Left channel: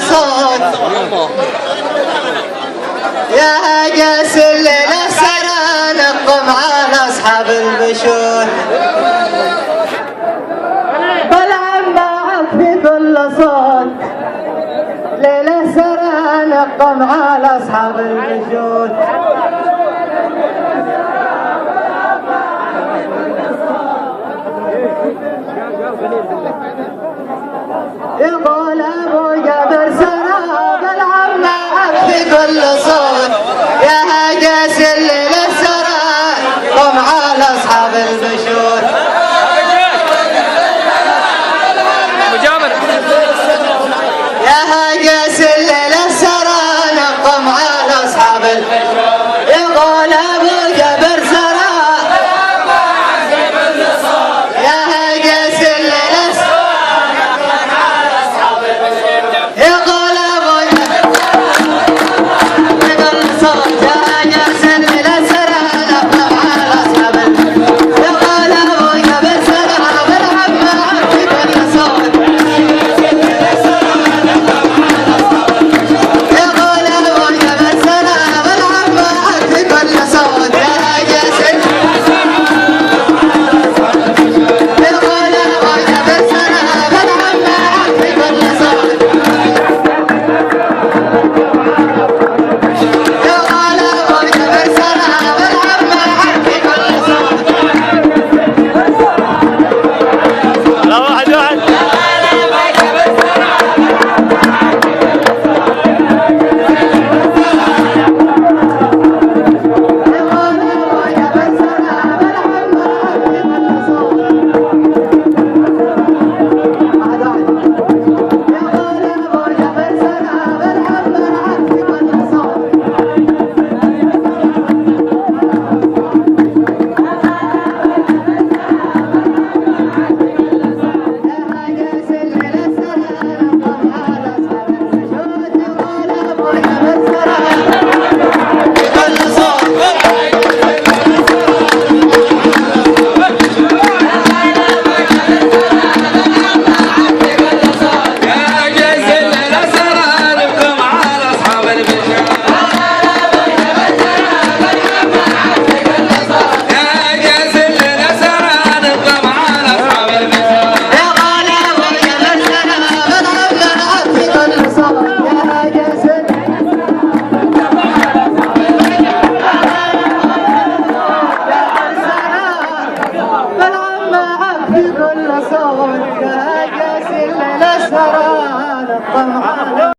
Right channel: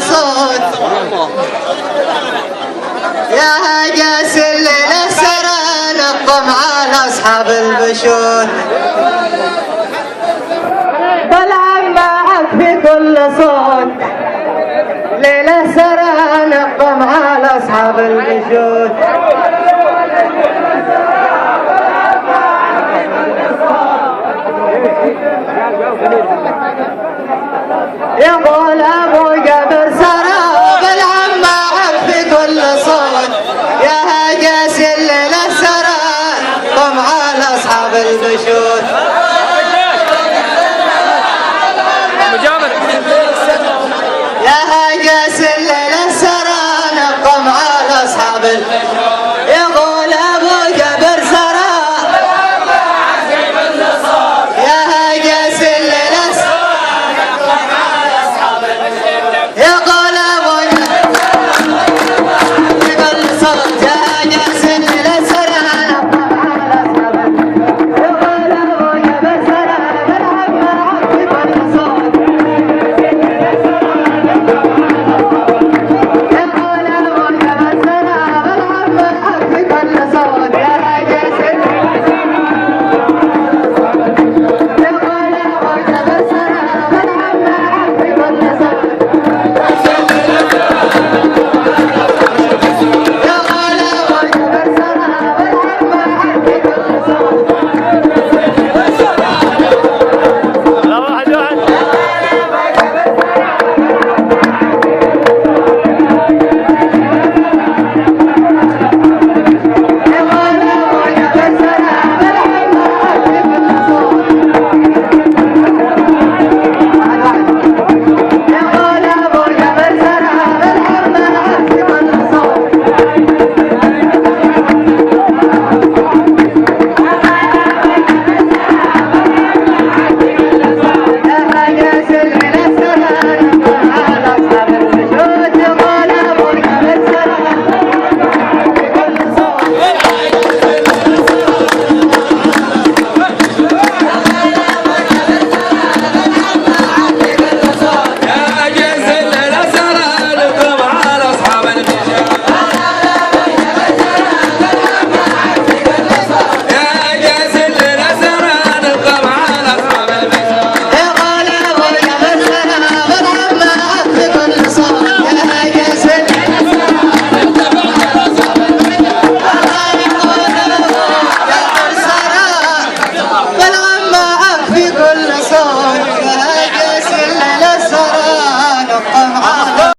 صوت يا هاجس الليلة سرى نقم على أصحاب البشور بلعب معك في كل صوت ليلة سرى نقم على أصحاب البشور يقول أبو جبر سرى بلعب معك في كل صوت يا هاجس الليلة سرى قم على أصحاب البشور مجامر يا هاجس الليلة سرى نقم على أصحاب البشور يقول أبو جبر سرى يا هاجس الليلة يقول أبو جبر في كل صوت يا هاجس الليلة سرى نقم على أصحاب البشور يقول أبو جبر سرى بلعب معك في كل صوت يقول أبو جبر سرى بلعب معك في كل صوت يا هاجس يقول أبو جبر سرى بلعب معك في كل صوت يقول أبو جبر سرى بلعب معك في كل صوت يقول أبو جبر سرى بلعب معك في كل صوت يقول أبو جبر سرى بلعب معك في كل صوت يا هاجس الليلة سرى نقم على أصحاب البشوت يقول أبو جبر سرى في كل صوت يقول أبو جبر سرى بلعب معك في كل صوت يا هاجس بلعب معك في كل صوت يا هاجس الليلة سرى نقم